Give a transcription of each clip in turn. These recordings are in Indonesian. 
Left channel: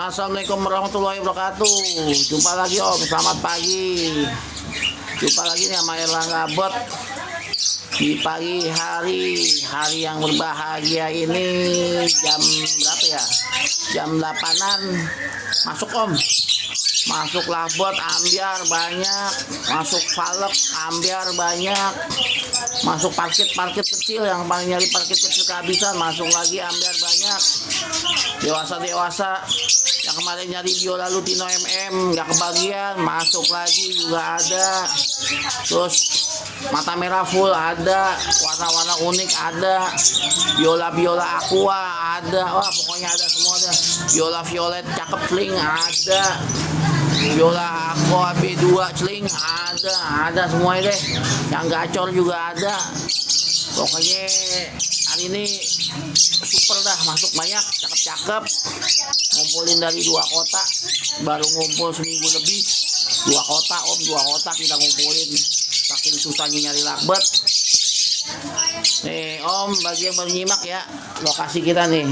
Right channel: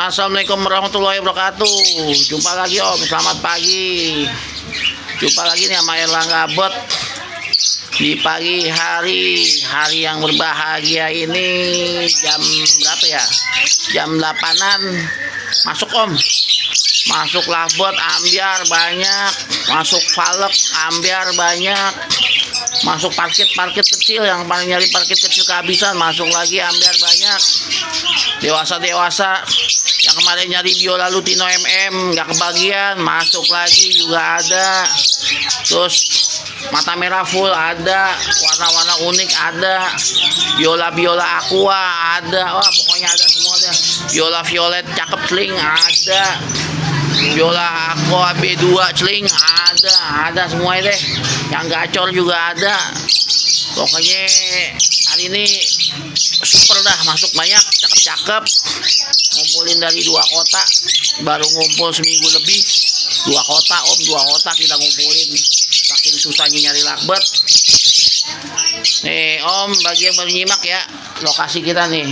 Assalamualaikum warahmatullahi wabarakatuh. Jumpa lagi Om, selamat pagi. Jumpa lagi nih sama Erlangga Bot di pagi hari yang berbahagia ini. Jam berapa ya? Jam 8-an. Masuk Om. Masuk labot ambiar banyak, masuk valek ambiar banyak, masuk parkit kecil yang paling nyari parkit kecil kehabisan, masuk lagi ambiar banyak. Dewasa yang kemarin nyari biola Lutino nggak kebagian, masuk lagi juga ada. Terus mata merah full ada, warna-warna unik ada, biola aqua ada, wah pokoknya ada semua deh. Biola violet cakep sling ada, biola aqua B2 celing ada semuanya deh. Yang gacor juga ada. Pokoknya hari ini super dah, masuk banyak, cakep. Ngumpulin dari 2 kota, baru ngumpul seminggu lebih. 2 kota Om, 2 kota kita ngumpulin. Saking susahnya nyari lakbet. Nih Om, bagi yang baru nyimak ya, lokasi kita nih.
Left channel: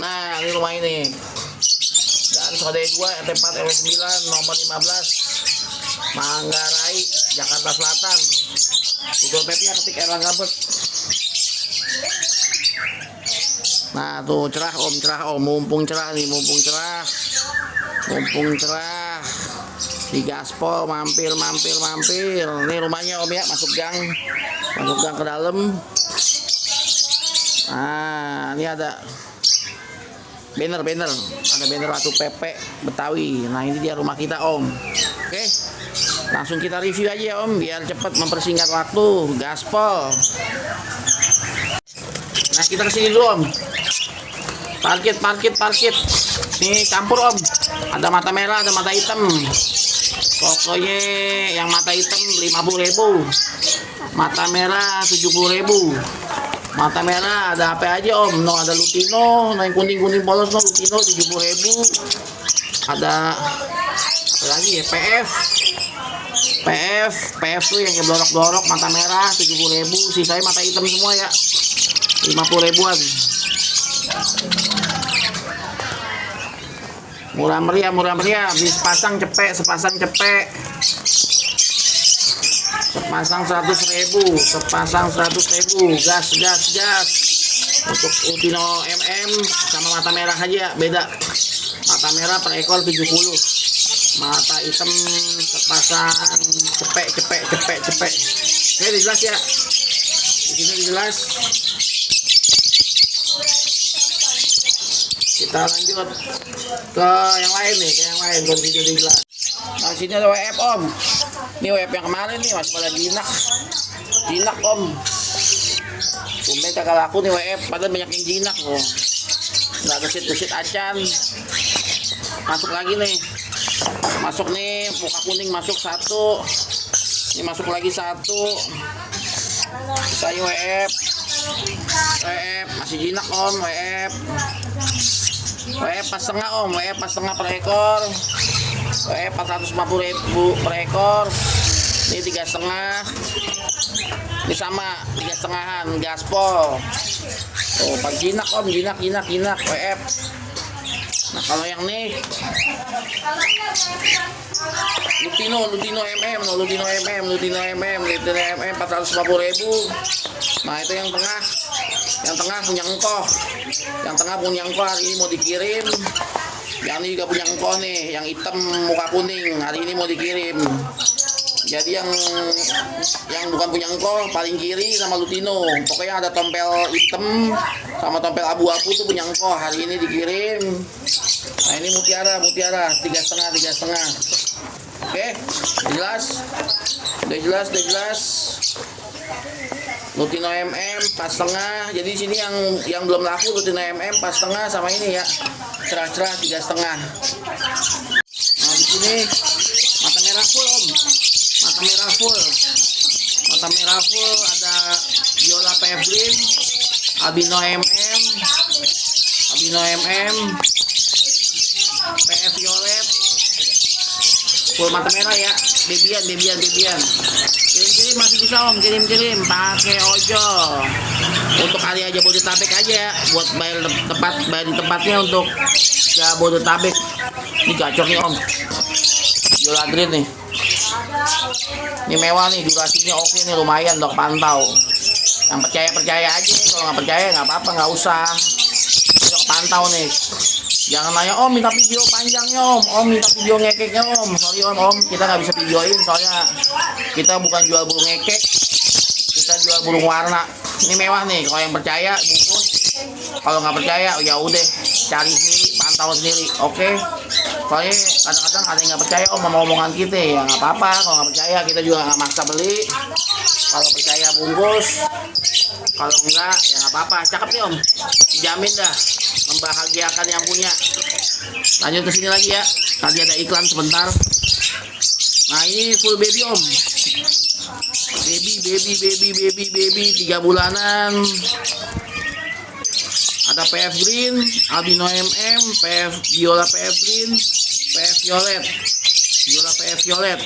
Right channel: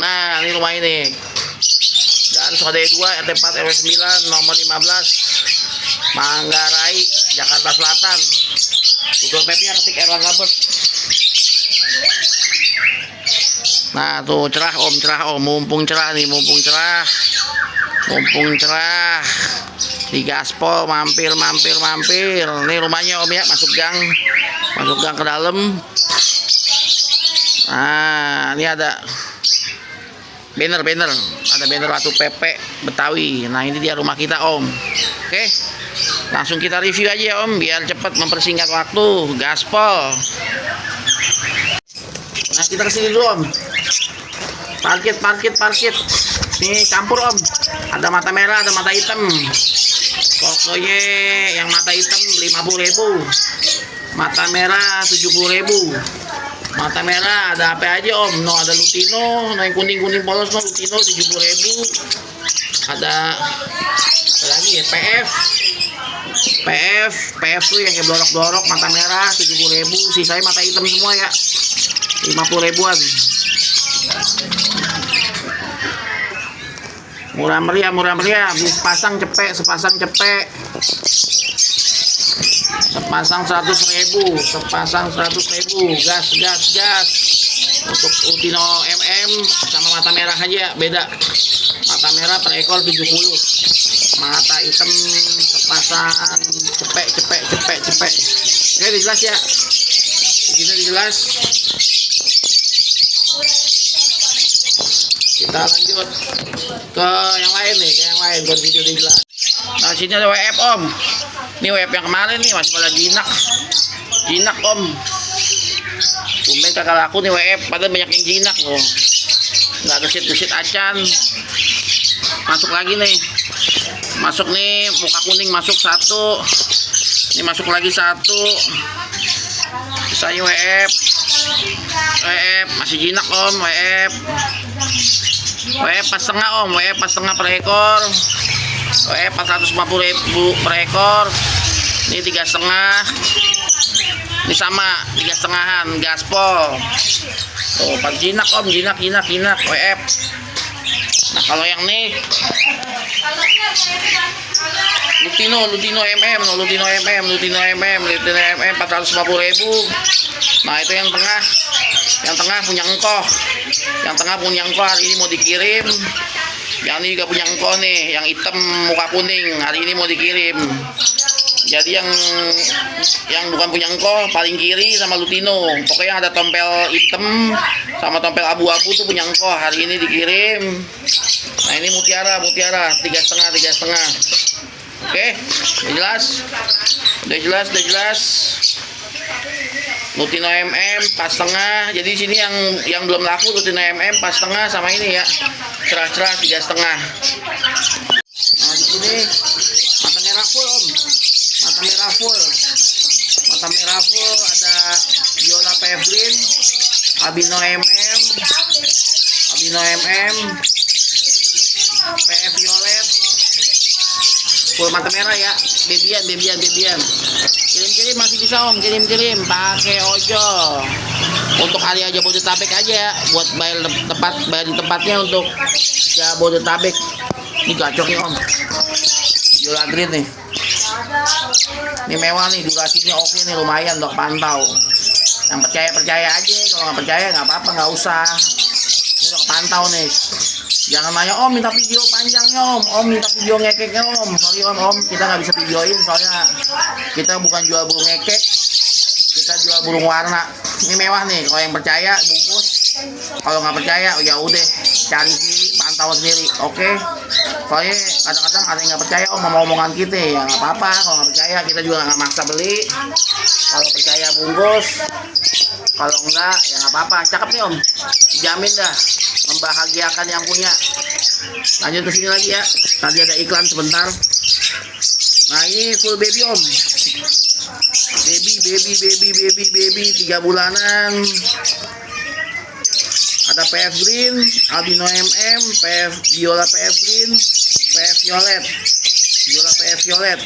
Nah, ini rumah ini. Dan Sode 2 RT 4 RW 9 nomor 15 Manggarai, Jakarta Selatan. Google Map-nya ketik Erlangga Bot. Nah tuh cerah Om, mumpung cerah. Di gaspol mampir. Ini rumahnya Om ya, masuk gang ke dalam. Nah ini ada banner, ada banner Ratu Pepe Betawi. Nah ini dia rumah kita Om. Oke, langsung kita review aja ya Om, biar cepat mempersingkat waktu. Gaspol. Nah kita kesini dulu Om. Parkit. Ini campur Om. Ada mata merah, ada mata hitam. Pokoknya yang mata hitam 50.000, mata merah 70.000. Mata merah ada apa aja Om? No, ada Lutino, yang kuning polos no, Lutino 70.000. Ada apa lagi ya? PF tuh yang kayak blorok mata merah 70.000. Sisanya mata hitam semua ya, 50.000-an. Murah meriah, sepasang cepek. Sepasang 100.000, gas. Untuk Lutino sama mata merah aja beda. Mata merah per ekor 70, mata hitam sepasang cepek. Oke, jelas ya, di sini jelas. Kita lanjut ke yang lain nih, video jelas. Nah sini ada WF Om. Ini WF yang kemarin nih masih pada jinak Om. Tumben kakak laku nih WF, padahal banyak yang jinak loh. Nggak gesit acan. Masuk lagi nih. Masuk nih, muka kuning masuk 1. Ini masuk lagi 1. Saya WF masih jinak Om. WF pas setengah Om, WF pas setengah per ekor. WF 450.000 per ekor. Ini 3,5. Ini sama 3,5-an gaspol. Oh, pas jinak Om, jinak WF. Nah kalau yang nih Lutino MM 450.000. Nah itu yang tengah punya engkoh. Hari ini mau dikirim. Yang ini juga punya engkoh nih, yang hitam muka kuning, hari ini mau dikirim. Jadi yang bukan punya engkoh paling kiri sama Lutino. Pokoknya ada tompel hitam sama tompel abu-abu tuh punya engkoh, hari ini dikirim. Nah ini mutiara 3,5. Oke, udah jelas. Lutino pas setengah. Jadi sini yang belum laku Lutino pas setengah sama ini ya, cerah 3,5. Nah di sini mata merah full Om. Mata merah full ada Biola PF Green, Albino PF Violet, full mata merah ya. Bebian. Kirim masih bisa Om, kirim pakai ojol. Untuk area Jabodetabek aja ya, buat bayar di tempatnya untuk Jabodetabek. Ini gacor nih om, Biola Green nih. Ini mewah nih, durasinya oke nih, lumayan dok pantau. Yang percaya aja, kalau nggak percaya nggak apa-apa, nggak usah. Ini pantau nih. Jangan nanya om minta video panjangnya om minta video ngekeknya om. Sorry om, kita nggak bisa videoin soalnya kita bukan jual burung ngekek, kita jual burung warna. Ini mewah nih, kalau yang percaya bungkus, kalau nggak percaya ya udah cari sendiri, pantau sendiri, oke? Soalnya kadang-kadang ada yang nggak percaya om sama omongan kita, ya nggak apa-apa. Kalau nggak percaya kita juga nggak maksa beli. Kalau percaya bungkus, kalau enggak ya nggak apa-apa. Cakep nih om, dijamin dah membahagiakan yang punya. Lanjut ke sini lagi ya, tadi ada iklan sebentar. Nah ini full baby om, baby 3 bulanan. Ada PF Green, Albino MM, PF Biola PF Green, PF Violet, Biola PF Violet.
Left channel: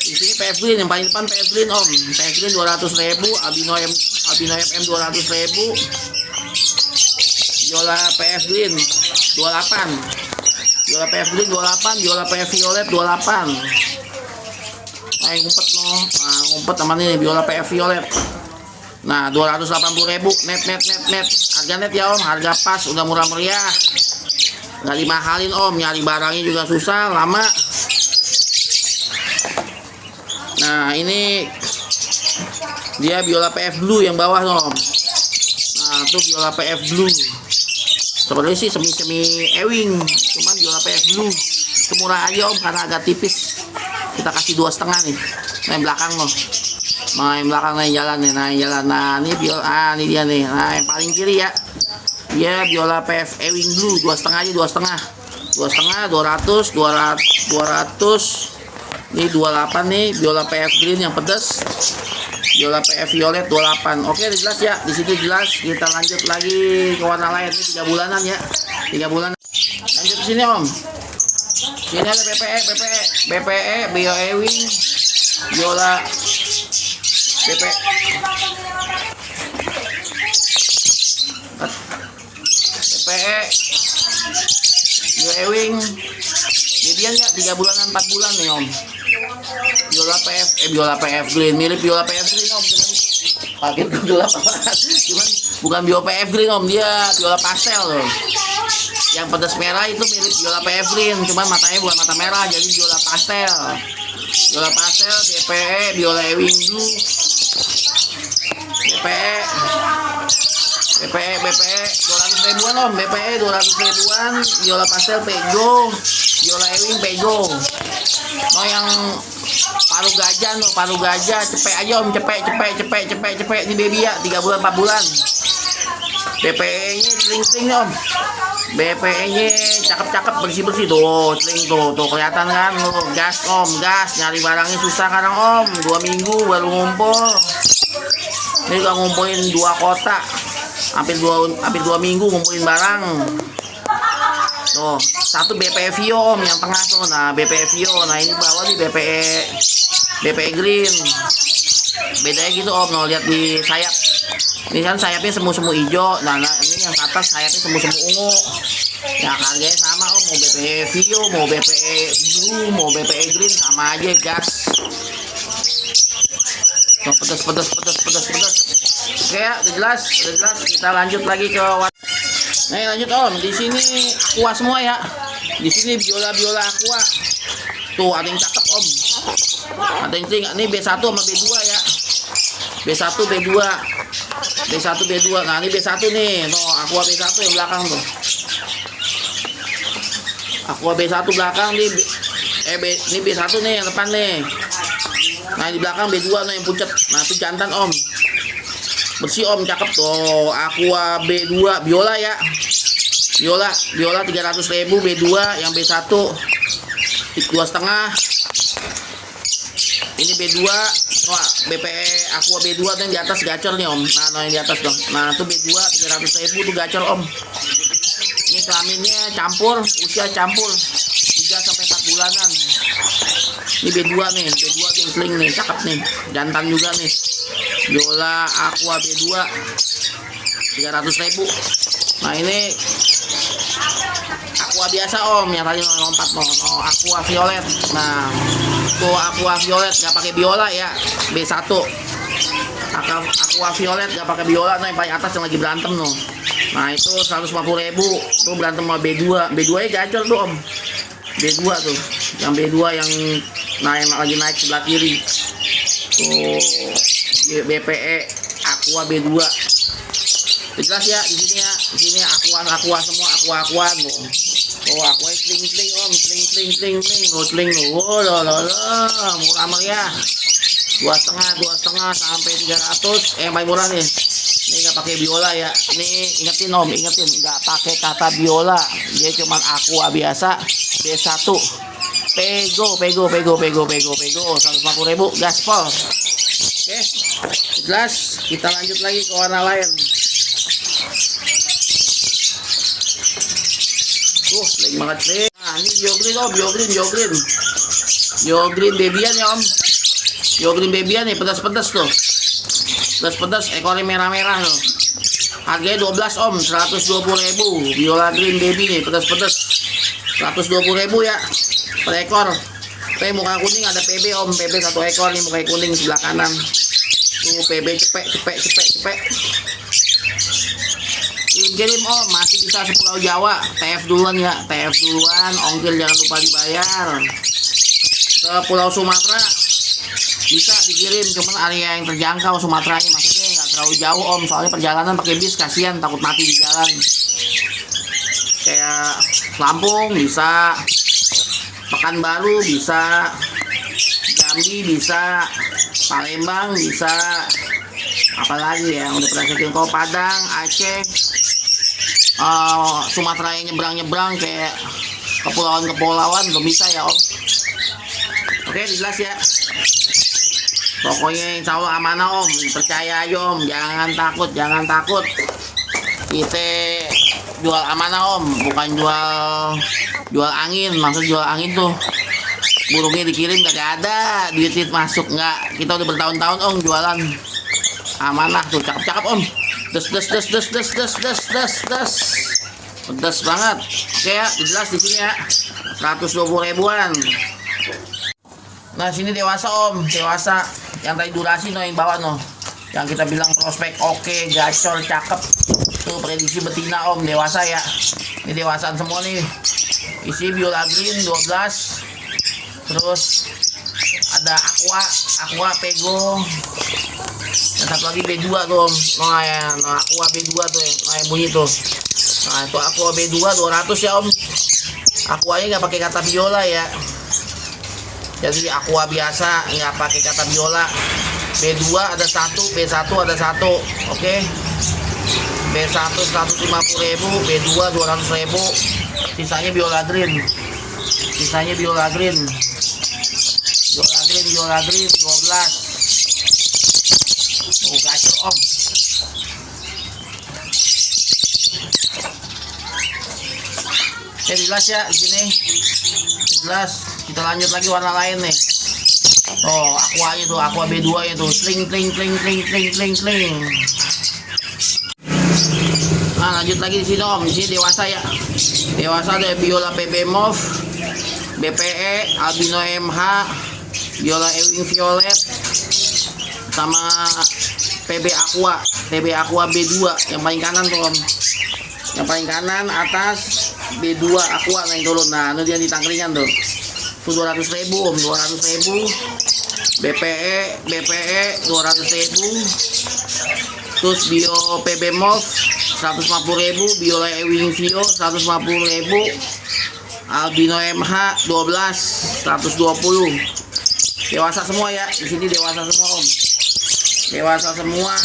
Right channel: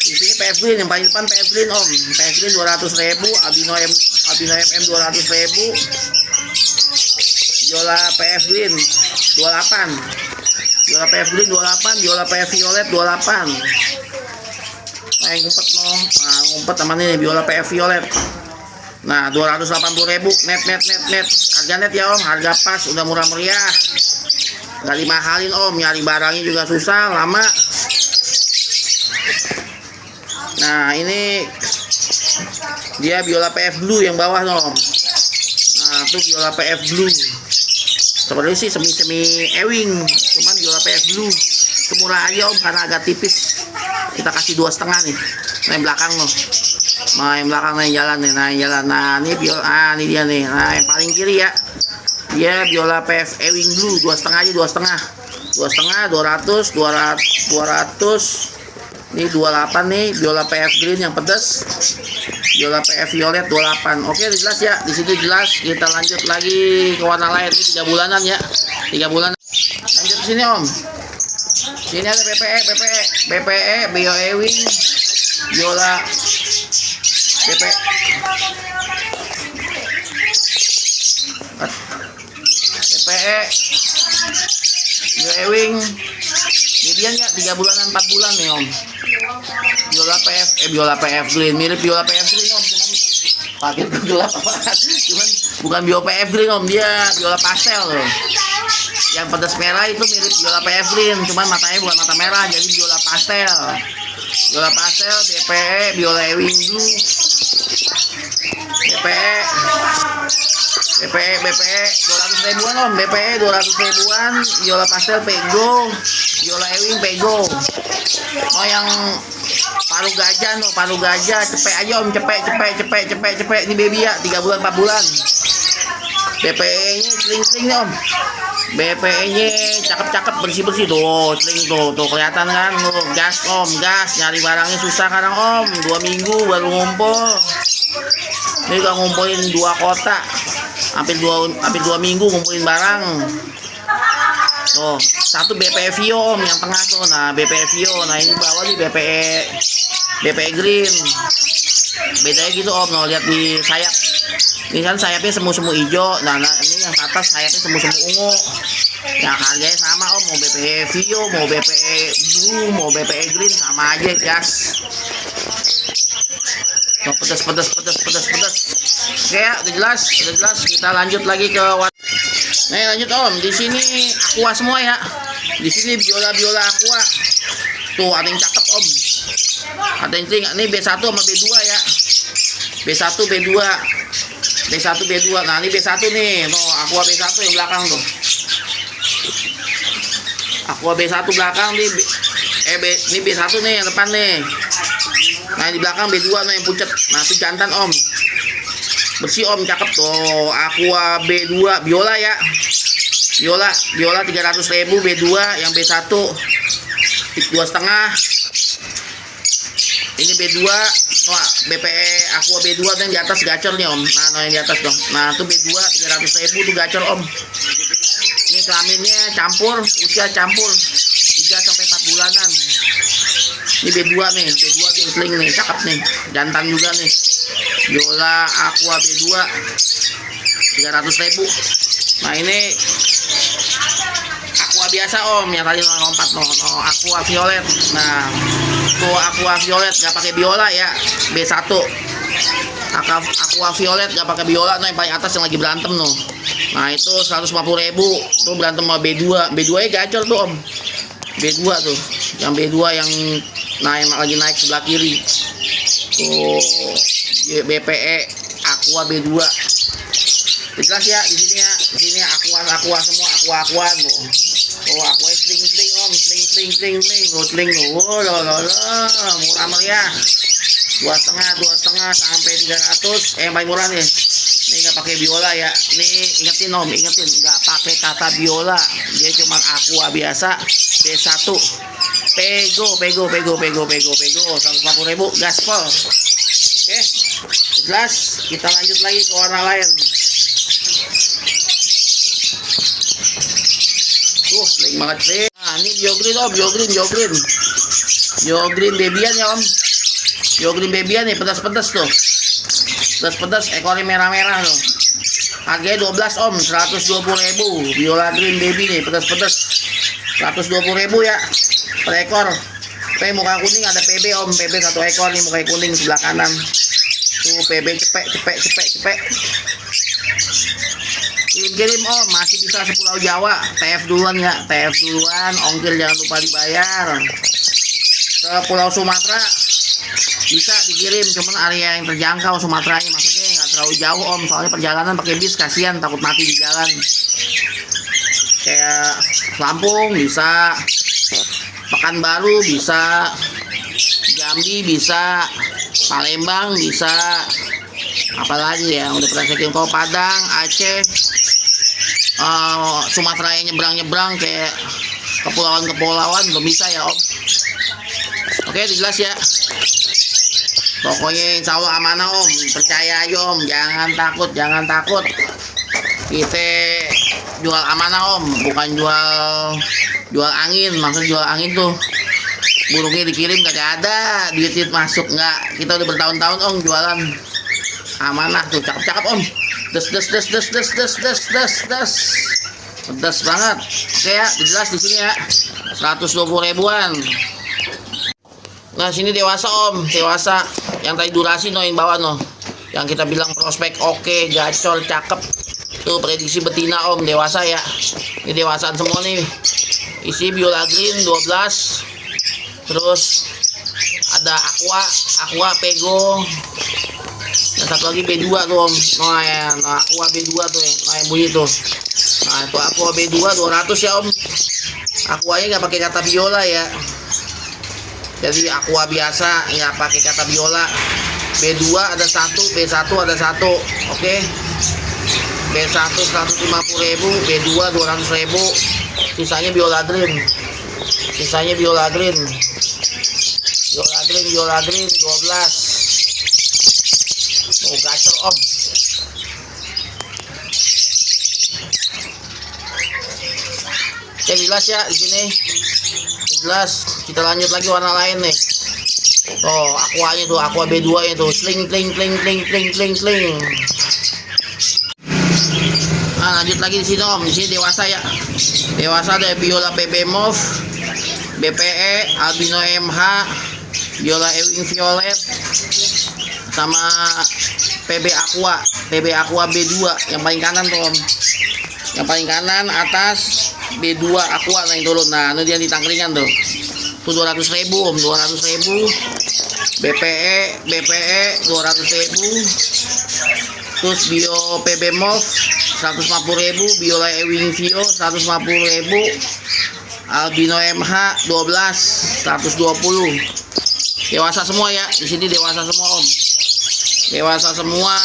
Di sini PF Green yang paling depan, PF Green om, PF Green 200.000, Albino MM 200.000, Biola PF Green 28, Biola PF Green 28, Biola PF Violet 28. Nah ngumpet no, nah ngumpet teman ini Biola PF Violet. Nah 280.000 net, harga net ya om, harga pas, udah murah meriah, nggak dimahalin om. Nyari barangnya juga susah, lama. Nah ini dia Biola PF Blue yang bawah om. Nah tuh Biola PF Blue, seperti sih semi ewing, cuman Biola PF Blue semurah aja om, karena agak tipis. Kita kasih 2,5 nih. Nah yang belakang loh, nah yang belakang nih jalan nih, nah yang jalan. Nah ini Biola, ini dia nih. Nah yang paling kiri ya, dia Biola PF ewing Blue 2,5 aja, 2,5, 200. Ini 28 nih, Biola PF Green yang pedas, Biola PF Violet 28. Oke, jelas ya, di situ jelas. Kita lanjut lagi ke warna lain. Ini 3 bulanan ya, 3 bulan. Lanjut ke sini om. Sini ada BPE Bio Ewing, Biola BPE. Bio Ewing. Median ya 3 bulanan 4 bulan nih om. Biola PF Green, mirip Biola PF Green om, cuman pakai gelap cuman bukan Biola PF Green om, dia Biola pastel loh. Yang pedas merah itu mirip Biola PF Green, cuman matanya bukan mata merah, jadi Biola pastel. Biola pastel, BPE, Biola Ewing Blue, BPE 200.000-an om, BPE 200.000-an, Biola pastel Pego, Biola Ewing Pego. Mau yang paruh gajah, cepet aja om, cepet. Ini baby ya, 3 bulan 4 bulan. BPE-nya sling nih om. BPE-nya cakep, bersih tuh, sling tuh kelihatan kan, tuh gas om, nyari barangnya susah sekarang om, 2 minggu baru ngumpul. Ini udah ngumpulin 2 kotak, hampir 2 minggu ngumpulin barang. Tuh, satu BPE Vio om, yang tengah tuh, nah BPE Vio, nah ini bawah nih BPE Green. Bedanya gitu om, no, lihat di sayap. Ini kan sayapnya semu hijau, nah ini yang atas sayapnya semu ungu. Ya harganya sama om, mau BPE Vio, mau BPE Blue, mau BPE Green sama aja gas. Tuh, pedas. Oke ya, udah jelas. Kita lanjut lagi ke nih lanjut om, di sini aqua semua ya. Di sini biola aqua. Tuh ada yang cakep om. Ada yang sing. Ini B1 sama B2 ya. B1 B2. Nah ini B1 nih. Tuh aqua B1 yang belakang tuh. Aqua B1 belakang nih. Ini B1 nih yang depan nih. Nah di belakang B2 nih yang pucet. Nah itu jantan om. Bersih om, cakep tuh. Aqua B2 Biola ya. Biola 300.000 B2, yang B1 2,5. Ini B2, wah BPE Aqua B2 yang di atas gacor nih om. Nah yang di atas dong. Nah itu B2 300.000 tuh gacor om. Ini kelaminnya campur, usia campur 3-4 bulanan. Ini B2 nih, B2 yang sling nih, cakep nih, jantan juga nih. Biola Aqua B2 300.000. Nah ini biasa om, yang tadi lompat no aqua violet. Nah tuh aqua violet nggak pakai biola ya, B1. Aqua violet nggak pakai biola, no yang paling atas yang lagi berantem no. Nah itu 150.000 tuh, berantem sama B2. B2 nya gacor tuh om, B2 tuh, yang B2 yang lagi naik sebelah kiri tuh, BPE aqua B2. Jelas ya di sini ya, di sini aqua semua, aqua tuh. Oh aqua sling om, sling oh sling tuh. Oh lo murah meriah. 2,5 sampai 300. Yang paling murah nih. Ini nggak pakai biola ya. Ini ingetin om, ingetin nggak pakai kata biola. Dia cuma aqua biasa B1. Pego 150.000 gaspol. Oke, jelas. Kita lanjut lagi ke warna lain. Sling banget sih. Nah ini biogreen om, biogreen babyan ya om. Biogreen babyan nih, pedas tuh. Pedas, ekornya merah tuh. Harganya 12 om, 120.000. Viola green baby nih, pedas. 120.000 ya per ekor. Tapi muka kuning ada PB om, PB 1 ekor nih, muka kuning sebelah kanan. Tuh PB cepek. Kirim om, masih bisa sepulau Jawa. TF duluan ya, ongkir jangan lupa dibayar. Ke Pulau Sumatera bisa dikirim, cuman area yang terjangkau Sumateranya, maksudnya nggak terlalu jauh om, soalnya perjalanan pakai bis kasihan, takut mati di jalan. Kayak Lampung bisa, Pekanbaru bisa, Jambi bisa, Palembang bisa, apalagi ya udah pernah saya kirim. Kalau Padang, Aceh, Sumatera yang nyebrang kayak kepulauan belum bisa ya om. Oke jelas ya, pokoknya insya Allah amanah om, percaya aja om, jangan takut. Kita jual amanah om, bukan jual angin. Maksud jual angin tuh burungnya dikirim kagak ada duit masuk, nggak. Kita udah bertahun-tahun om jualan amanah tuh, cakep om. Des pedas banget. Oke ya, jelas di sini ya, 120.000-an. Nah sini dewasa om, dewasa yang tadi durasi no, yang bawah no, yang kita bilang prospek oke, gacor, cakep. Tuh prediksi betina om, dewasa ya. Ini dewasaan semua nih. Isi biola green 12. Terus ada aqua pego. Dan satu lagi B2 tuh om. Nah aqua B2 tuh yang bunyi tuh. Nah itu aqua B2 200 ya om. Aquanya nggak pakai kata biola ya. Jadi aqua biasa, nggak pakai kata biola. B2 ada 1, B1 ada 1. Oke. B1 150.000, B2 200.000. Sisanya biola green. Biola green 12. Oh gacor om. Oke jelas ya di sini. Jelas. Kita lanjut lagi warna lain nih. Oh aquanya tuh, aqua B2 nya tuh, sling. Nah lanjut lagi di sini om, di sini dewasa ya. Dewasa ada biola PB Mauve, BPE, albino MH, biola ewing violet, sama PB Aqua B2 yang paling kanan tuh om. Yang paling kanan atas B2 Aqua yang turun. Nah itu dia di tangkringan tuh. Tuh 200.000 om, 200.000. BPE 200.000. Terus bio PB Mauve 150.000, biola ewing vio 150.000, albino MH 12 120. Dewasa semua ya, di sini dewasa semua om. Dewasa semua.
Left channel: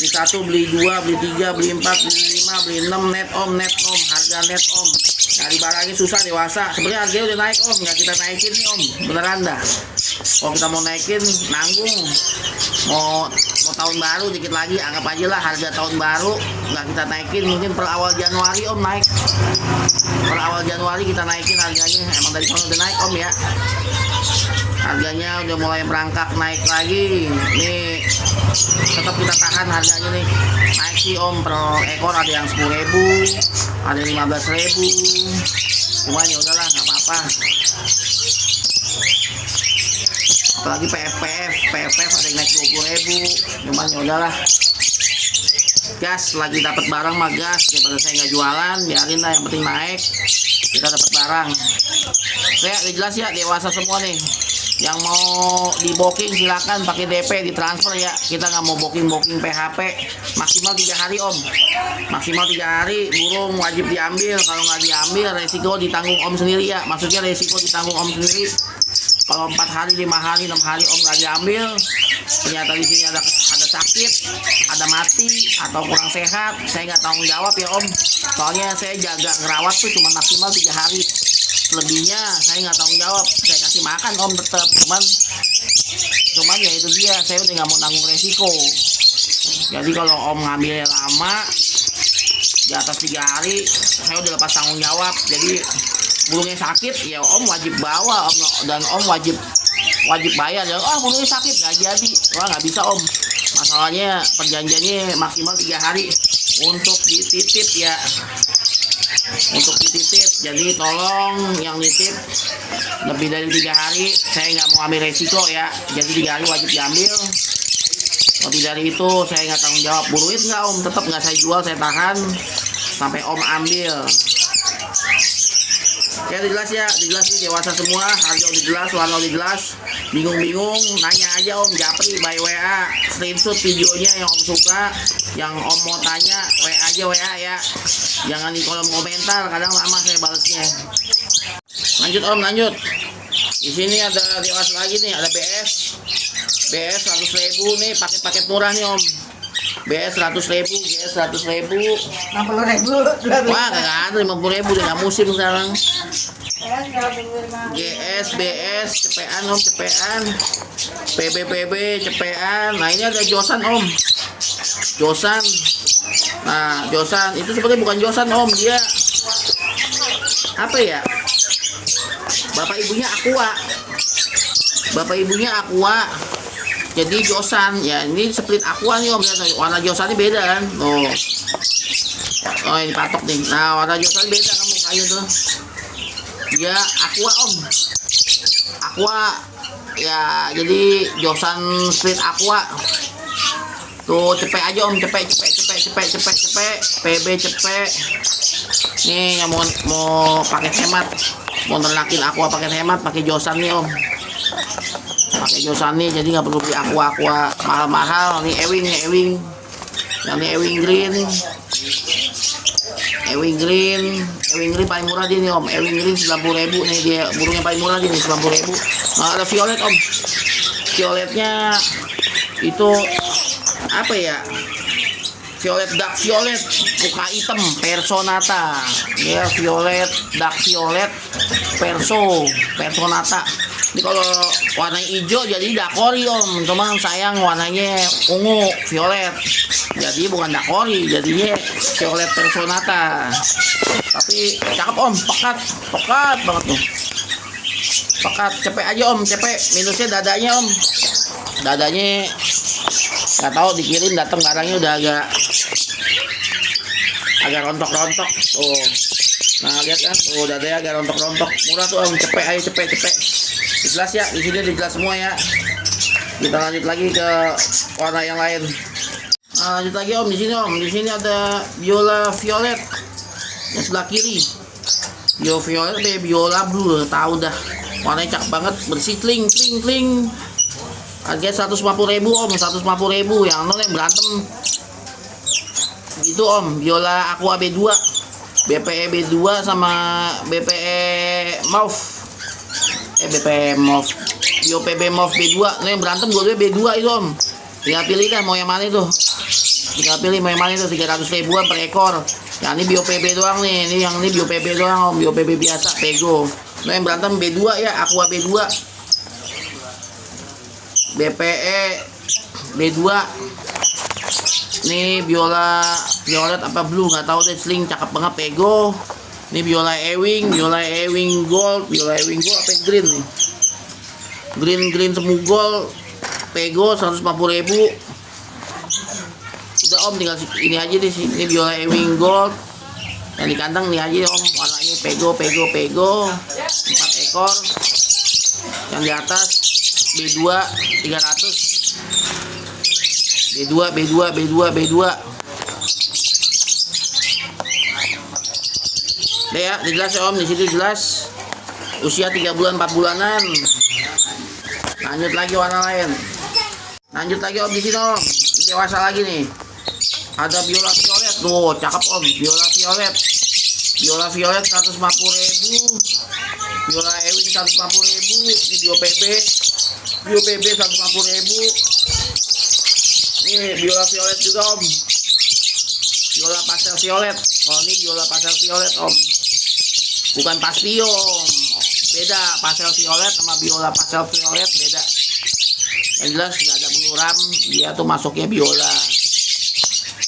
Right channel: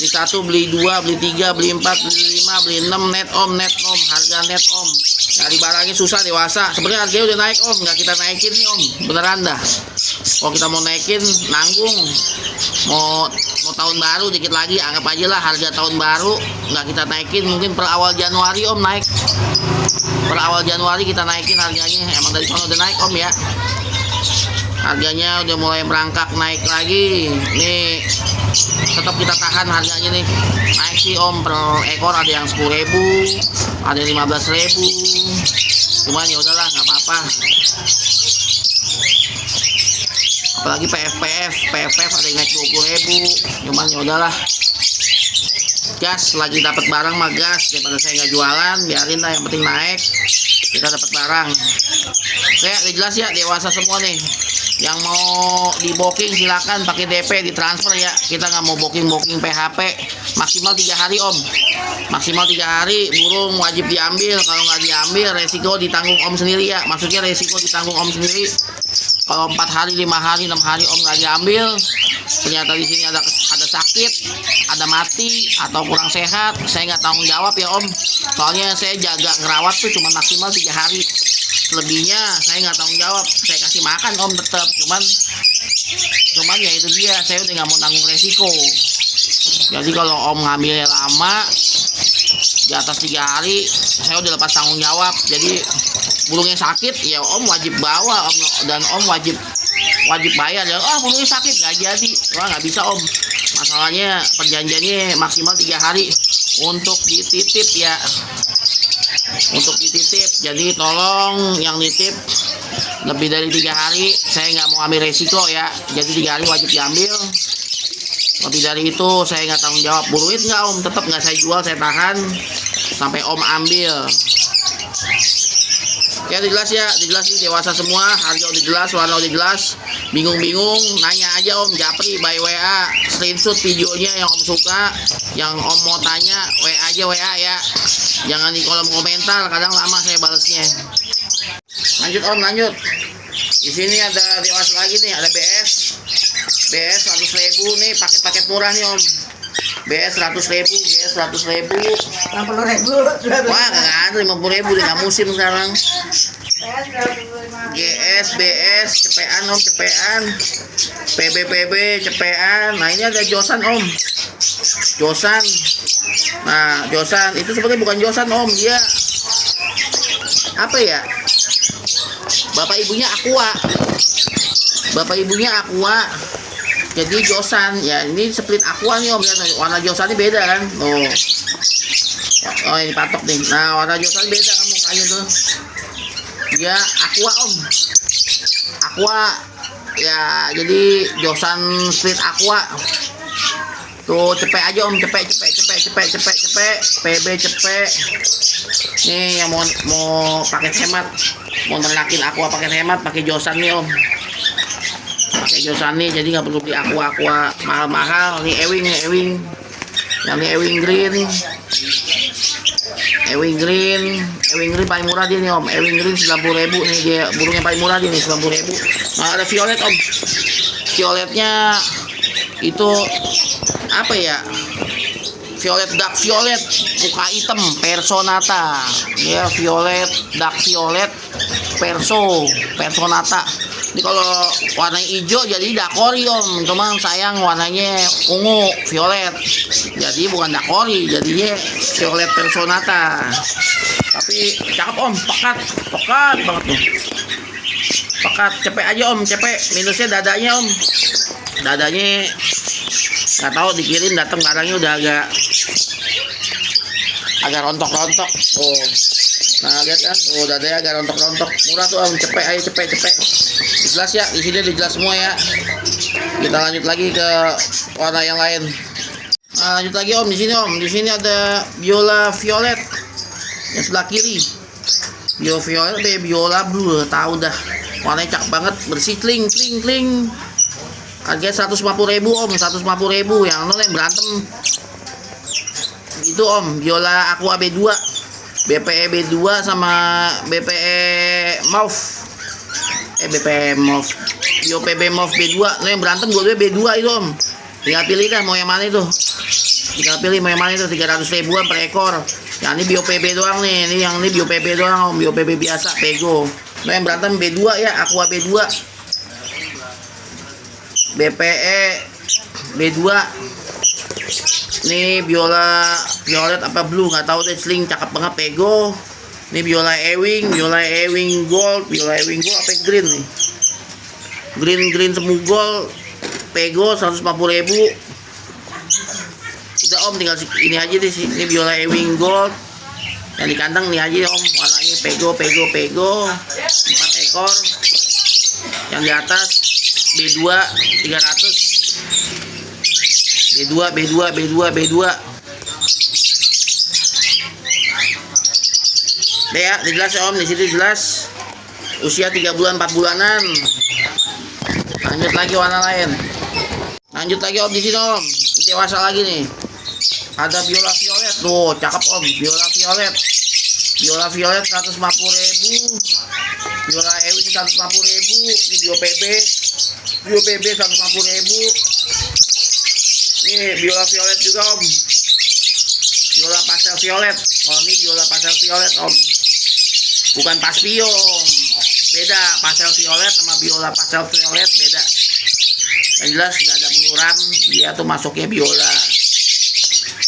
Beli 1, beli 2, beli 3, beli 4, beli 5, beli 6, net om. Harga net om. Cari barangnya susah dewasa. Sebenarnya harganya udah naik om, nggak kita naikin nih om. Beneran dah. Kalau kita mau naikin nanggung. Mau tahun baru dikit lagi, anggap aja lah harga tahun baru nggak kita naikin, mungkin per awal Januari om naik. Per awal Januari kita naikin harganya. Emang dari sana udah naik om ya. Harganya udah mulai merangkak naik lagi. Nih tetap kita tahan harganya nih. Naik sih om, per ekor ada yang 10.000, ada 15.000. Cuman ya udahlah, nggak apa-apa. Apalagi PFF ada yang naik 20.000. Cuman ya udahlah, gas, lagi dapat barang mah gas, daripada saya nggak jualan, biarin lah, yang penting naik, kita dapat barang. Saya udah jelas ya, dewasa semua nih. Yang mau di booking silakan pakai DP, ditransfer ya. Kita nggak mau booking PHP. Maksimal 3 hari om. Maksimal 3 hari burung wajib diambil. Kalau nggak diambil resiko ditanggung om sendiri ya. Maksudnya resiko ditanggung om sendiri. Kalau 4 hari, 5 hari, 6 hari om nggak diambil, ternyata di sini ada sakit, ada mati atau kurang sehat, saya nggak tanggung jawab ya om. Soalnya saya jaga ngerawat tuh cuma maksimal 3 hari. Selebihnya saya nggak tanggung jawab. Saya kasih makan om tetap, cuman ya itu dia, saya udah nggak mau tanggung resiko. Jadi kalau om ngambilnya lama di atas 3 hari, saya udah lepas tanggung jawab. Jadi burungnya sakit ya om wajib bawa om, dan om wajib bayar ya. Burungnya sakit nggak jadi, nggak bisa om. Masalahnya perjanjiannya maksimal 3 hari untuk dititip ya, untuk dititip. Jadi tolong yang nitip lebih dari 3 hari, saya nggak mau ambil resiko ya. Jadi 3 hari wajib diambil. Lebih dari itu saya nggak tanggung jawab. Burungnya nggak om, tetap nggak saya jual, saya tahan sampai om ambil. Ya udah jelas ya, jelas nih, dewasa semua, harga udah jelas, warna udah jelas. Bingung-bingung nanya aja om Japri by WA, screenshot videonya yang om suka, yang om mau tanya WA aja, WA ya. Jangan di kolom komentar, kadang lama saya balesnya. Lanjut om, lanjut. Di sini ada dewasa lagi nih, ada BS 100.000 nih, paket murah nih om. BS 100.000, GS 100.000, 60.000. wah nggak ada, 50.000 udah nggak musim sekarang. GS, BS, cepean om, cepean, PB, cepean. Nah ini ada Josan om, Josan. Nah Josan itu sebenarnya bukan Josan om, dia apa ya? Bapak ibunya Aqua. Jadi Josan ya, ini split Aqua nih om. Warna Josannya beda kan. Oh ini patok nih. Nah warna Josan beda kan mukanya tuh. Dia Aqua om, Aqua ya. Jadi Josan split Aqua tuh. Cepet aja om, cepet, PB cepet. Nih yang mau pakai hemat, mau ternakin Aqua pakai hemat, pakai Josan nih om. Pakai Josan nih, jadi nggak perlu beli Aqua mahal-mahal. Nih Ewing, yang ini Ewing Green paling murah dia nih om. Ewing Green 90.000 nih, dia burungnya paling murah dia nih, 90.000. Nah ada violet om, violetnya itu apa ya? Dark violet, muka hitam, Personata ya. Dark violet Personata. Ini kalau warna hijau jadi dakori om, cuman sayang warnanya ungu violet, jadi bukan dakori, jadinya violet Personata. Tapi cakep om, pekat banget tuh, pekat. Cepet aja om, cepet. Minusnya dadanya om, dadanya nggak tahu dikirim datang barangnya udah agak rontok. Oh nah lihat kan, tuh dadanya agak rontok. Murah tuh om, cepet aja, cepet. Jelas ya, di sini jelas semua ya. Kita lanjut lagi ke warna yang lain. Nah, lanjut lagi om, di sini om. Di sini ada Biola Violet yang sebelah kiri. Biola Blue, tahu dah. Warnanya cakep banget, bersih, kling. Harganya 150.000 om, 150.000. Yang nol yang berantem itu om, Biola Aqua B2, BPE B2 sama BPE Mauve. Bio PB Mauve B2. Nah yang berantem gue B2 itu om. Tinggal pilih dah mau yang mana itu. 300.000-an per ekor. Yang ini Bio PB doang nih. Yang ini Bio PB doang om. Bio PB biasa Pego. Nah yang berantem B2 ya, Aqua B2. BPE B2. Nih Biola Violet apa Blue nggak tahu deh, sling cakep banget Pego. Ini Biola Ewing Gold apa green nih? Green semu gold, Pego 150.000. Udah om, tinggal ini aja deh sih. Ini Biola Ewing Gold, Yang di kandang nih aja om, warnanya pego 4 ekor. Yang di atas B2 300. B2. Deh ya, jelas ya om, di situ jelas. Usia 3 bulan 4 bulanan. Lanjut lagi warna lain. Lanjut lagi om di sini om. Dewasa lagi nih. Ada biola violet tuh, cakep om. Biola violet 150.000. Biola ewing 150.000. Ini bio PB 150.000. Ini biola violet juga om. Biola pastel violet. Kalau ini biola pastel violet om. Bukan paspion. Beda, pastel violet sama biola pastel violet beda. Yang jelas nggak ada buluram, dia tuh masuknya biola.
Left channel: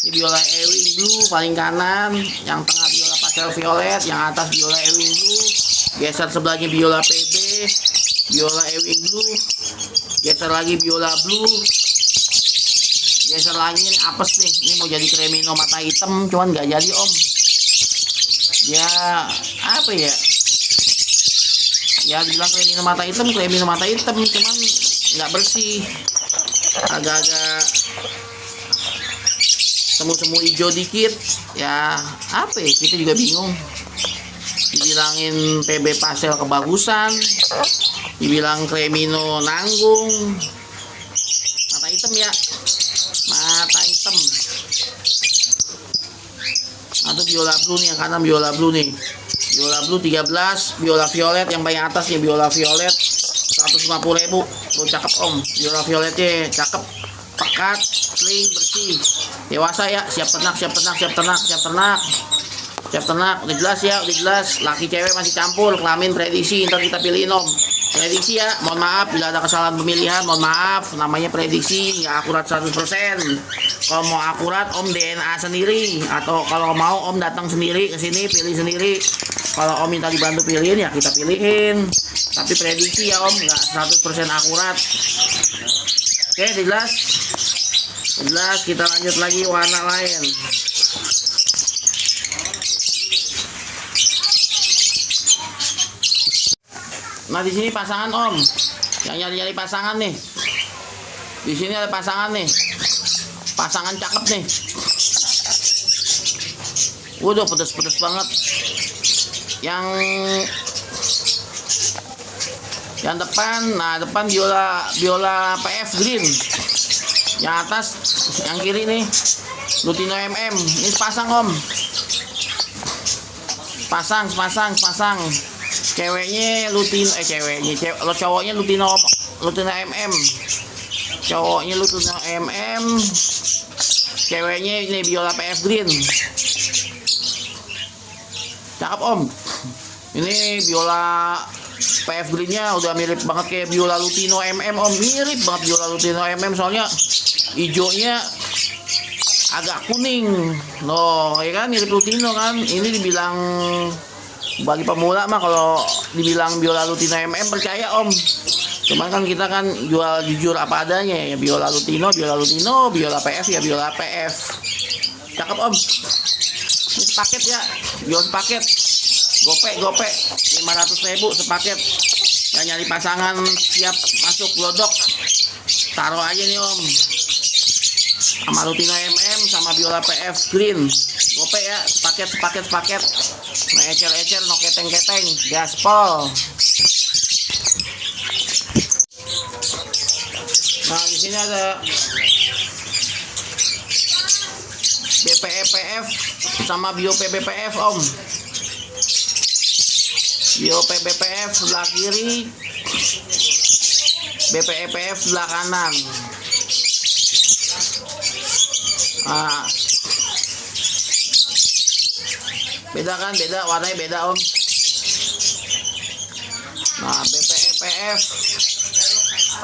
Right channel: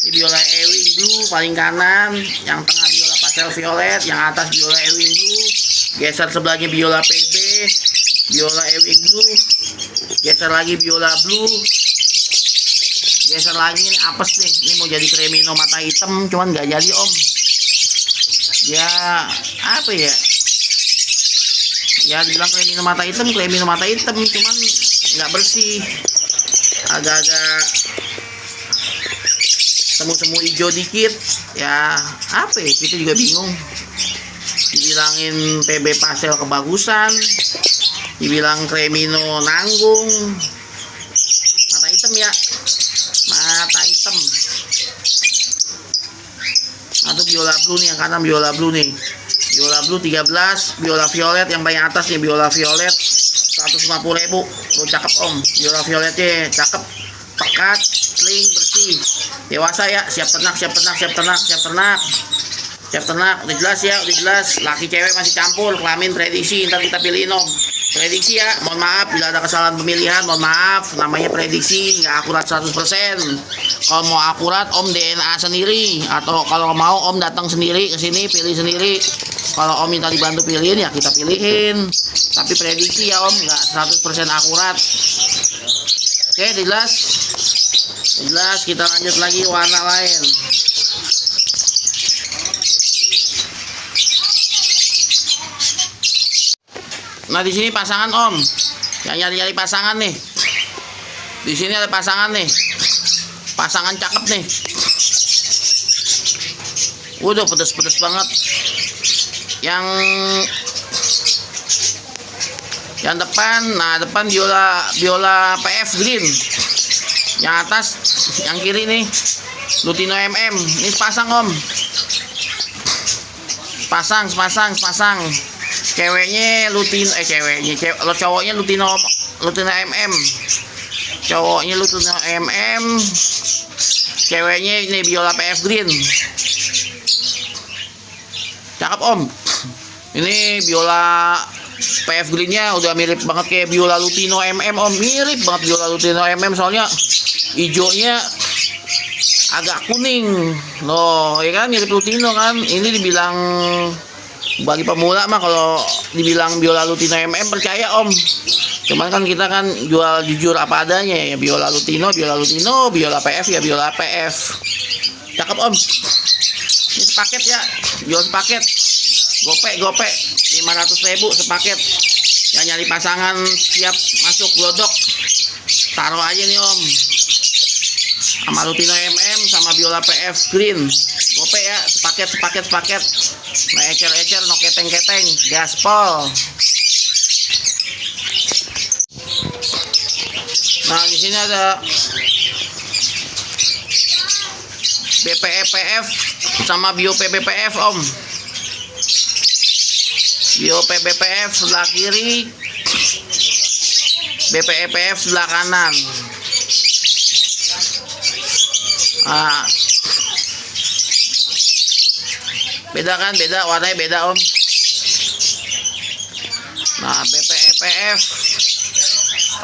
Ini biola ewing blue paling kanan, yang tengah biola pastel violet, yang atas biola ewing blue. Geser sebelahnya biola PB, biola ewing blue. Geser lagi biola blue. Geser lagi ini apes nih, ini mau jadi cremino mata hitam, cuman nggak jadi om. Ya apa ya? Ya dibilang cremino mata hitam, cuman nggak bersih, agak-agak semu-semu hijau dikit. Ya apa ya, kita juga bingung. Dibilangin PB pastel kebagusan, dibilang cremino nanggung. Mata hitam ya, mata hitam. Atau biola blue nih, yang kanan biola blue nih. Biola blue 13, biola violet yang paling atas nih, biola violet 150.000. Tuh cakep om, biola violetnya cakep, pekat, sling, bersih. Dewasa ya, siap ternak. Udah jelas ya, laki cewek masih campur, kelamin prediksi, ntar kita pilihin om. Prediksi ya, mohon maaf bila ada kesalahan pemilihan, mohon maaf, namanya prediksi, nggak akurat 100%. Kalau mau akurat om DNA sendiri, atau kalau mau om datang sendiri ke sini pilih sendiri. Kalau om minta dibantu pilihin ya kita pilihin. Tapi prediksi ya om, nggak 100% akurat. Oke, jelas. Kita lanjut lagi warna lain. Nah di sini pasangan om, yang nyari pasangan nih. Di sini ada pasangan nih, pasangan cakep nih. Udah pedes banget. Yang depan, depan biola PF green. Yang atas, yang kiri nih Lutino MM. Ini pasang om. Pasang. Ceweknya Lutino, cowoknya Lutino MM. Cowoknya Lutino MM. Ceweknya ini biola PF green. Cakep om. Ini biola PF greennya udah mirip banget kayak biola Lutino MM om. Mirip banget biola Lutino MM, soalnya hijaunya agak kuning loh, ya kan, mirip Lutino kan. Ini dibilang bagi pemula mah kalau dibilang biola Lutino MM percaya om. Cuman kan kita kan jual jujur apa adanya ya, biola Lutino, biola PF ya biola PF. Cakep om. Ini sepaket ya, jual sepaket. Gope 500.000 sepaket. Yang nyari pasangan siap masuk glodok, taruh aja nih om. Sama Lutino MM sama biola PF green. Gope ya, sepaket. Nah ecer, no keteng, gaspol. Nah di sini ada BPEPF sama Bio PBPF om. Bio PBPF sebelah kiri, BPEPF sebelah kanan. Beda kan, warnanya beda om. Nah BPEPF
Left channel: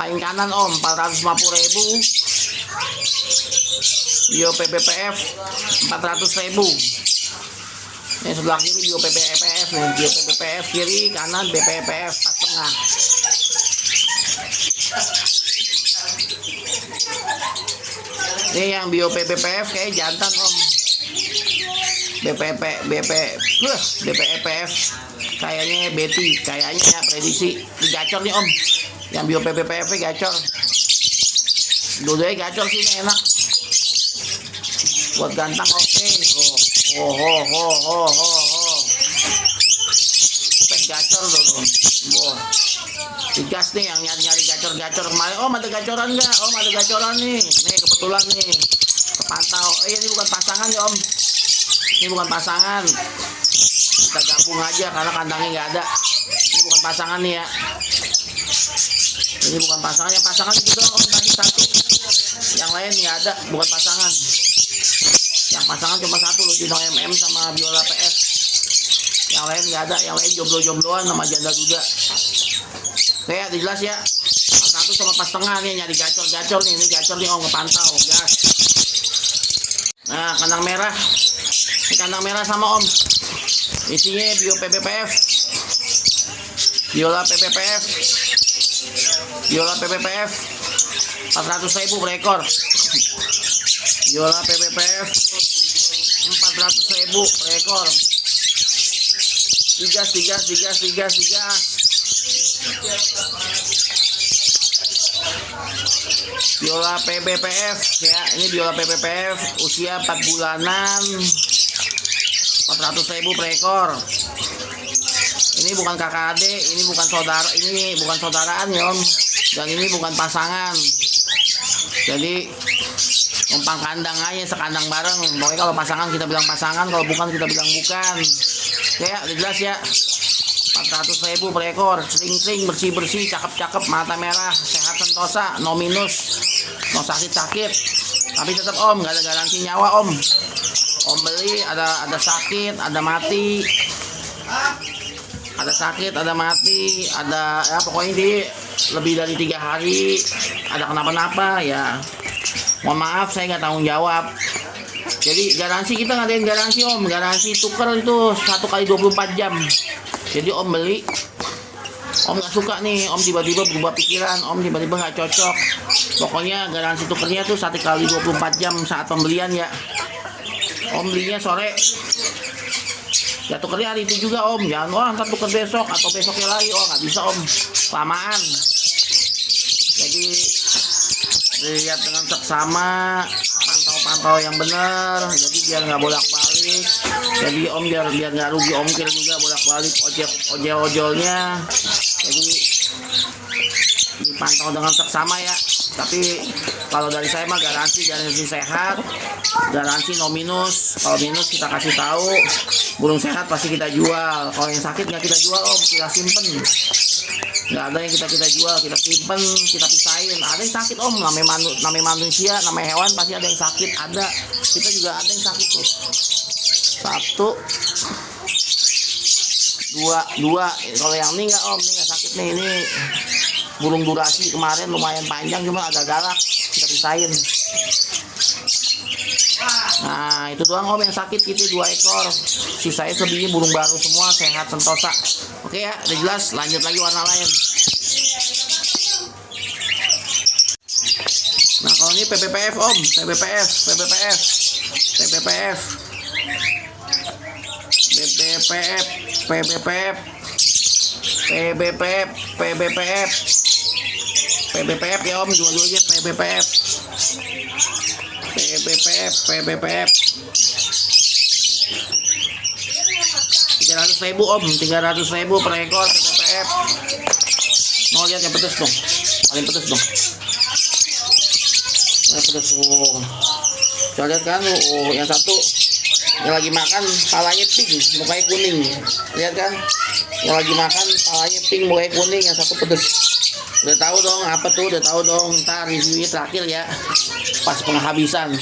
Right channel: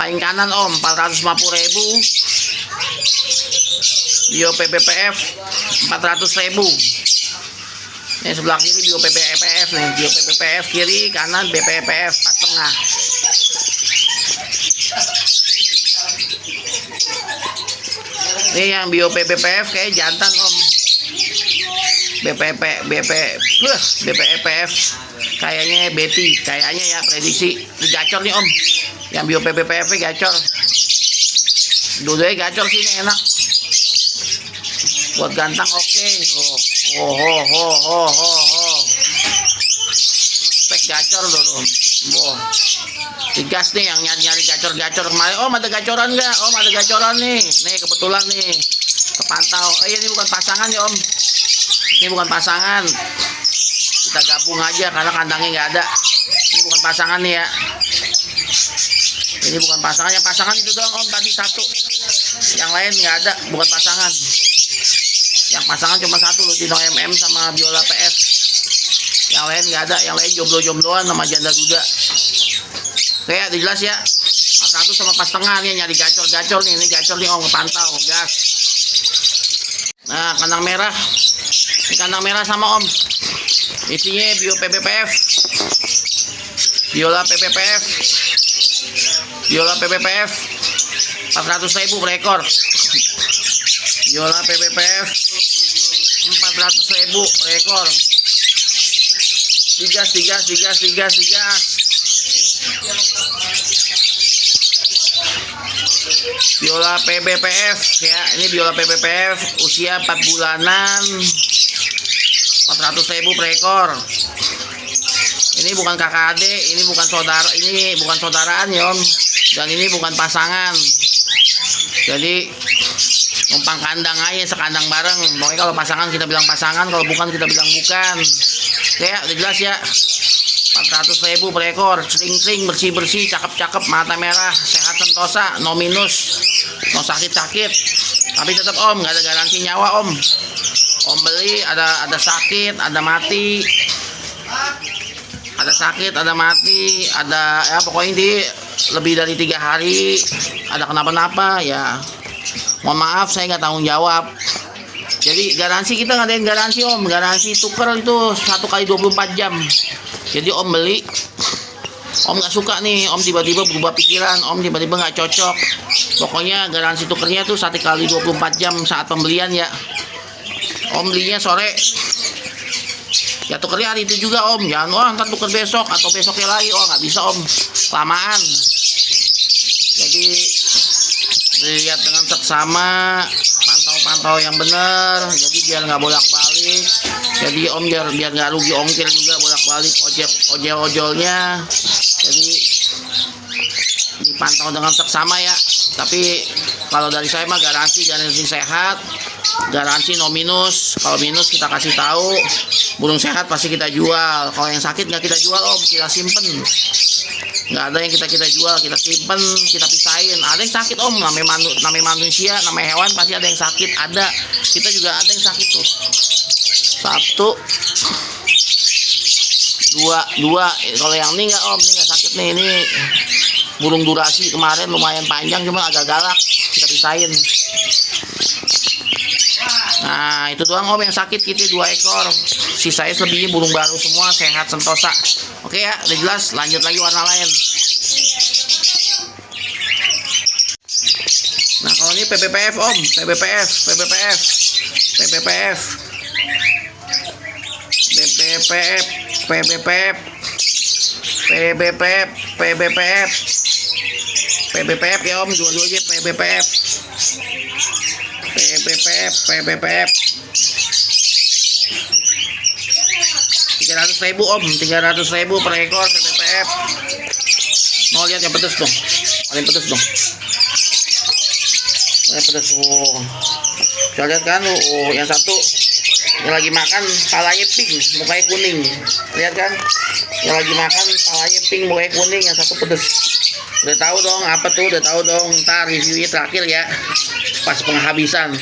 paling kanan om 450.000. Bio PBPF 400.000. Ini sebelah kiri Bio PBPF nih, Bio PBPF kiri, kanan BPEPF pas tengah. Ini yang Bio PBPF kayak jantan om. BPEPF. Kayaknya Betty, kayaknya ya prediksi gacor nih Om. Yang bio PPPF gacor. Dua-duanya gacor sih, ini enak. Buat gantang oke. Spek gacor loh. Digas nih yang nyari gacor-gacor kemarin. Om ada gacoran nggak? Om ada gacoran nih. Nih kebetulan nih kepantau. Ini bukan pasangan ya Om. Ini bukan pasangan. Kita gabung aja karena kandangnya nggak ada. Ini bukan pasangan nih ya. Ini bukan pasangan. Yang pasangan itu doang Om tadi satu. Yang lain nggak ada. Bukan pasangan. Yang pasangan cuma satu Lutino MM sama Biola PS. Yang lain nggak ada. Yang lain jomblo-jombloan sama janda duda. Oke, udah jelas ya. 400 sama pas tengah nih nyari gacor-gacor nih. Ini gacor nih Om kepantau, gas. Nah, kandang merah. Ini kandang merah sama Om. Isinya bio PPPF. Biola PPPF. Biola PPPF. 400.000 per ekor. Biola PPPF 400.000 per ekor. Digas. Biola PPPF ya, ini biola PPPF usia 4 bulanan 400.000 per ekor. Ini bukan kakak adik, ini bukan saudaraan ya Om, dan ini bukan pasangan. Jadi numpang kandang aja, sekandang bareng. Pokoknya kalau pasangan kita bilang pasangan, kalau bukan kita bilang bukan. Ya, udah jelas ya. 400.000 per ekor, sering-sering, bersih-bersih, cakep-cakep, mata merah, sehat sentosa, no minus, no sakit-sakit. Tapi tetap Om, nggak ada garansi nyawa Om. Om beli ada sakit, ada mati. Ada sakit, ada mati, ada ya pokoknya di lebih dari 3 hari ada kenapa-napa ya. Mohon maaf saya nggak tanggung jawab. Jadi garansi kita ngadain garansi Om, garansi tuker itu 1 kali 24 jam. Jadi Om beli, Om nggak suka nih, Om tiba-tiba berubah pikiran, Om tiba-tiba nggak cocok. Pokoknya garansi tukernya tuh 1 kali 24 jam saat pembelian ya. Om belinya sore, ya tukernya hari itu juga Om. Jangan ntar tuker besok atau besoknya lagi, nggak bisa Om, lamaan. Jadi dilihat dengan seksama, pantau yang benar, jadi biar nggak bolak-balik. Jadi Om biar nggak rugi ongkir juga bolak-balik ojolnya. Jadi dipantau dengan seksama ya. Tapi kalau dari saya mah garansi sehat, garansi no minus. Kalau minus kita kasih tahu. Burung sehat pasti kita jual. Kalau yang sakit nggak kita jual Om, kita simpen. Nggak ada yang kita jual, kita simpen, kita pisahin. Ada yang sakit Om, namanya manusia, namanya hewan pasti ada yang sakit, ada. Kita juga ada yang sakit tuh. 1, 2. Kalau yang ini nggak Om, ini nggak sakit nih. Ini burung durasi kemarin lumayan panjang, cuma agak galak, kita pisahin. Nah itu doang Om yang sakit, kita 2 ekor. Sisanya selebihnya burung baru semua, sehat sentosa. Oke ya, udah jelas. Lanjut lagi warna lain. Nah kalau ini PPPF Om, PPPF ya Om, dua-duanya PPPF 300.000 Om, 300.000 per ekor PPPF. Mau lihat yang pedes dong, paling pedes dong. Pedes, bisa lihat kan? Yang satu yang lagi makan palanya pink, mukanya kuning. Lihat kan? Yang lagi makan palanya pink, mukanya kuning. Yang satu pedes. Udah tahu dong apa tuh? Udah tahu dong. Ntar reviewnya terakhir ya, pas penghabisan.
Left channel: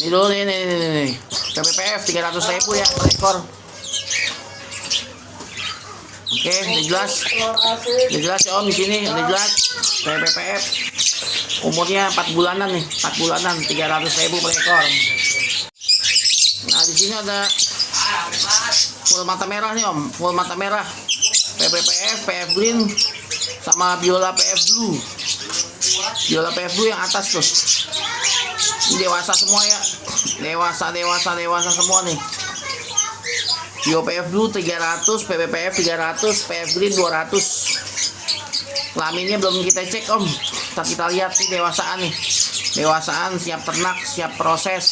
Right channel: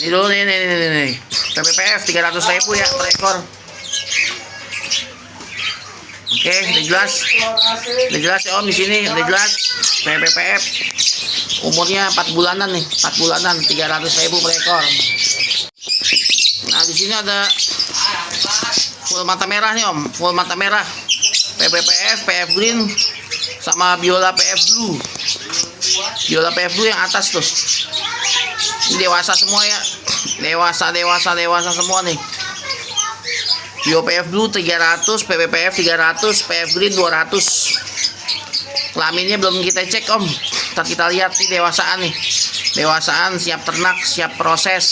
Ini dulu nih. PPPF 300.000 ya per ekor. Oke, udah jelas ya Om di sini, udah jelas. PPPF umurnya 4 bulanan nih, 4 bulanan 300.000 per ekor. Nah di sini ada full mata merah nih Om, full mata merah. PPPF, PF Green sama Biola PF Blue. Biola PF Blue yang atas tuh. Ini dewasa semua ya. Dewasa semua nih. Bio PF Blue 300, PPPF 300, PF Green 200. Kelaminnya belum kita cek om. Ntar kita lihat nih dewasaan nih. Dewasaan siap ternak, siap proses.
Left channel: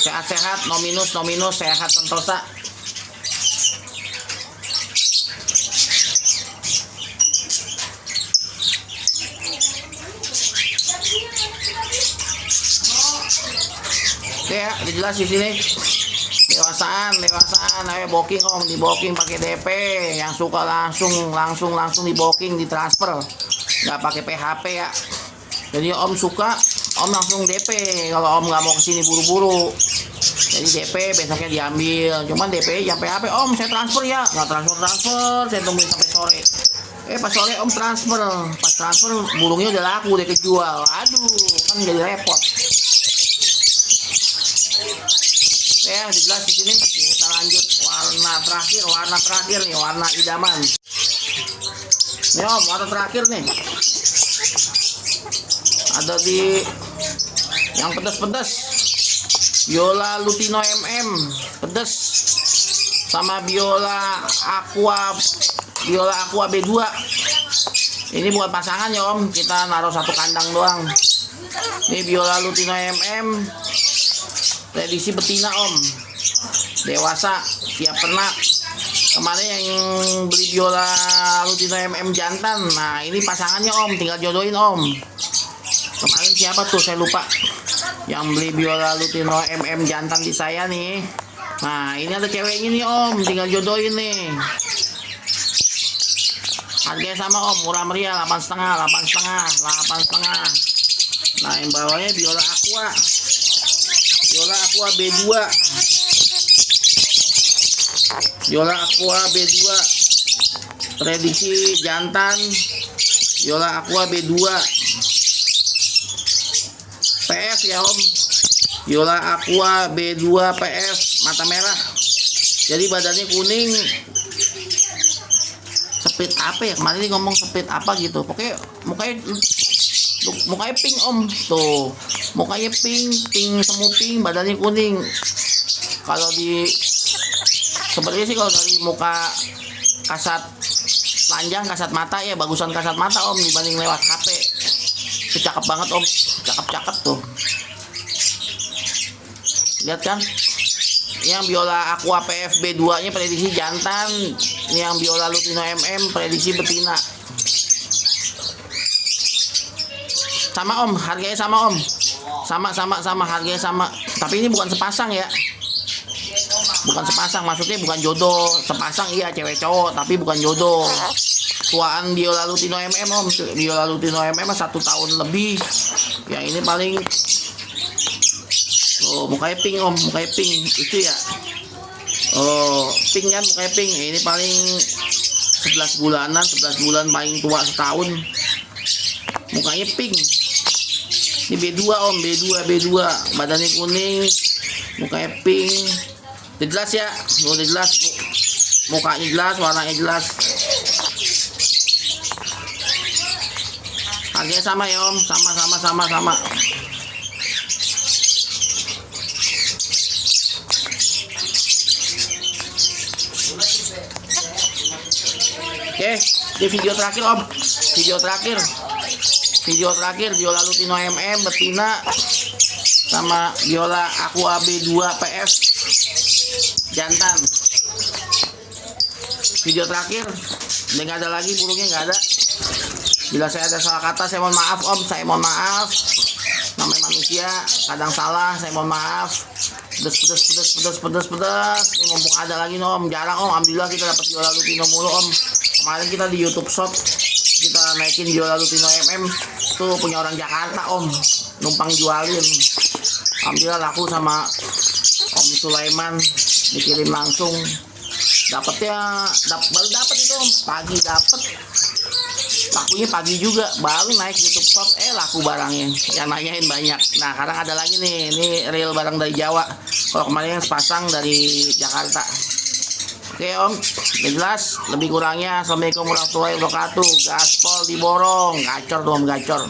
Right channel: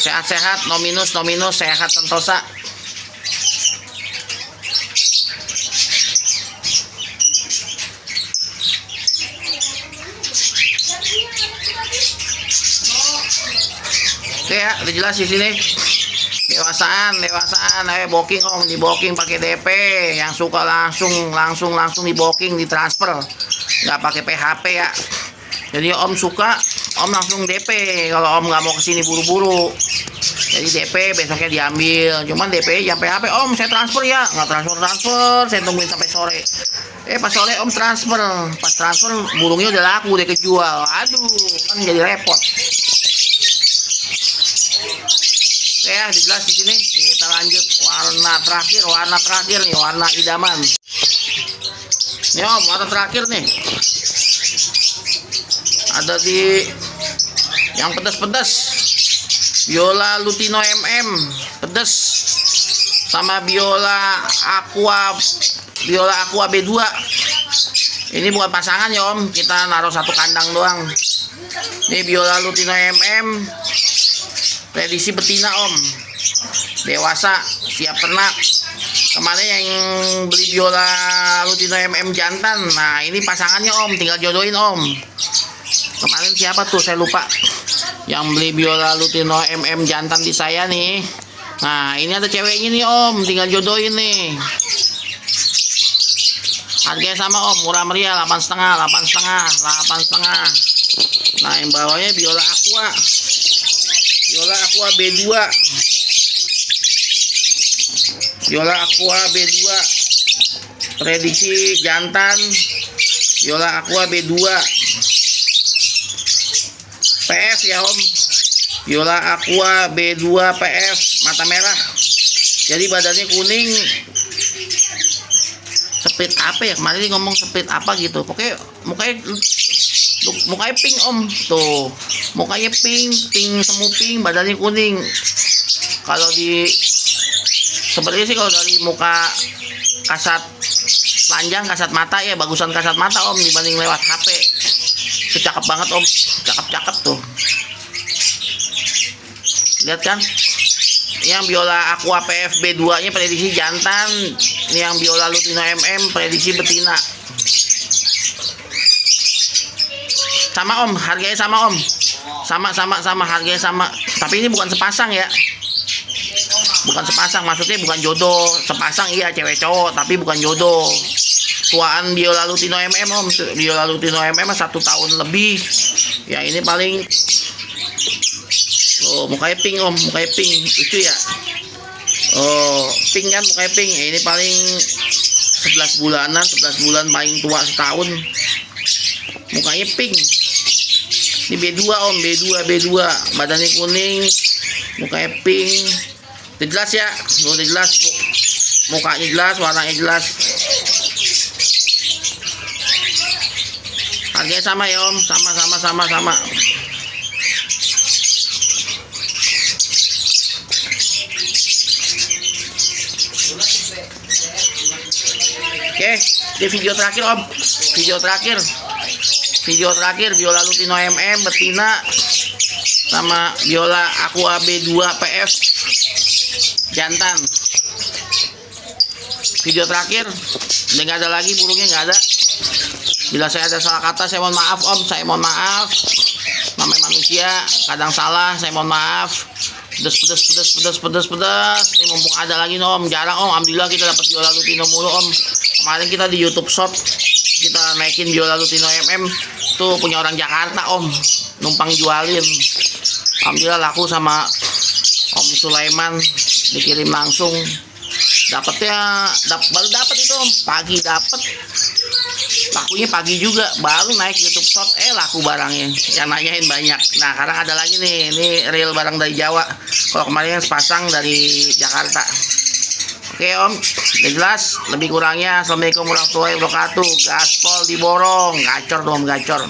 Sehat-sehat, no minus, sehat sentosa. Oke ya, udah jelas di sini. Dewasaan, ayo booking om, di booking pakai DP. Yang suka langsung di booking, di transfer, nggak pakai PHP ya. Jadi om suka, om langsung DP. Kalau om nggak mau kesini buru-buru, jadi DP besoknya diambil. Cuman DP jangan PHP om, saya transfer ya, nggak transfer, saya tungguin sampai sore. Pas sore om transfer, pas transfer burungnya udah laku, udah kejual. Aduh, kan jadi repot. Ya, jelas di sini. Kita lanjut warna terakhir nih, warna idaman. Nih om, warna terakhir nih. Ada di yang pedas-pedas. Biola Lutino MM pedas, sama Biola Aqua B2. Ini bukan pasangan ya om, kita naruh satu kandang doang. Ini Biola Lutino MM prediksi betina om, dewasa, siap ternak. Kemarin yang beli Biola Lutino MM jantan, nah ini pasangannya om, tinggal jodohin om. Kemarin siapa tuh saya lupa, yang beli Biola Lutino MM jantan di saya nih. Nah ini ada ceweknya nih om, tinggal jodohin nih. Harganya sama om, murah meriah, 8,5. Nah yang bawahnya Biola Aqua B2. Biola Aqua B2 prediksi jantan. Biola Aqua B2 PF ya om. Biola Aqua B2 PF mata merah. Jadi badannya kuning. Speed apa ya? Kemarin dia ngomong speed apa gitu. Pokoknya mukanya pink om. Tuh. Mukanya pink semu pink, badannya kuning. Kalau di sepertinya sih kalau dari muka kasat panjang, kasat mata ya, bagusan kasat mata om dibanding lewat HP. Itu cakep banget om, cakep tuh. Lihat kan? Yang Biola Aqua PF B2 nya prediksi jantan, yang Biola Lutino MM prediksi betina. Sama om, harganya sama om. Sama harganya sama. Tapi ini bukan sepasang ya. Bukan sepasang, maksudnya bukan jodoh. Sepasang iya cewek cowok, tapi bukan jodoh. Tuaan Biola Lutino MM om. Biola Lutino MM 1 tahun lebih. Yang ini paling mukanya pink om, mukanya pink itu ya. Pink kan, mukanya pink. Ini paling 11 bulan paling tua setahun. Mukanya pink. Ini B2 om, B2 badannya kuning, mukanya pink. Udah jelas ya, udah jelas, mukanya jelas, warnanya jelas. Harganya sama ya om, sama. Oke, di video terakhir om, video terakhir Biola Lutino MM betina sama Biola Aqua B2 PF jantan. Video terakhir, udah nggak ada lagi burungnya, nggak ada. Bila saya ada salah kata saya mohon maaf om, saya mohon maaf. Namanya manusia, kadang salah, saya mohon maaf. Pedes. Ini mumpung ada lagi nih om, jarang om. Alhamdulillah kita dapat Biola Lutino mulu om. Kemarin kita di YouTube Shop kita naikin Biola Lutino MM tuh punya orang Jakarta om, numpang jualin. Alhamdulillah laku sama Om Sulaiman, dikirim langsung. Baru dapat itu om, pagi dapat. Lakunya pagi juga, baru naik YouTube Shop laku barangnya. Yang nanyain banyak. Nah sekarang ada lagi nih, ini real barang dari Jawa. Kalau kemarin yang sepasang dari Jakarta. Oke om, udah jelas. Lebih kurangnya assalamualaikum warahmatullahi wabarakatuh. Gaspol diborong, gacor tuh om, gacor.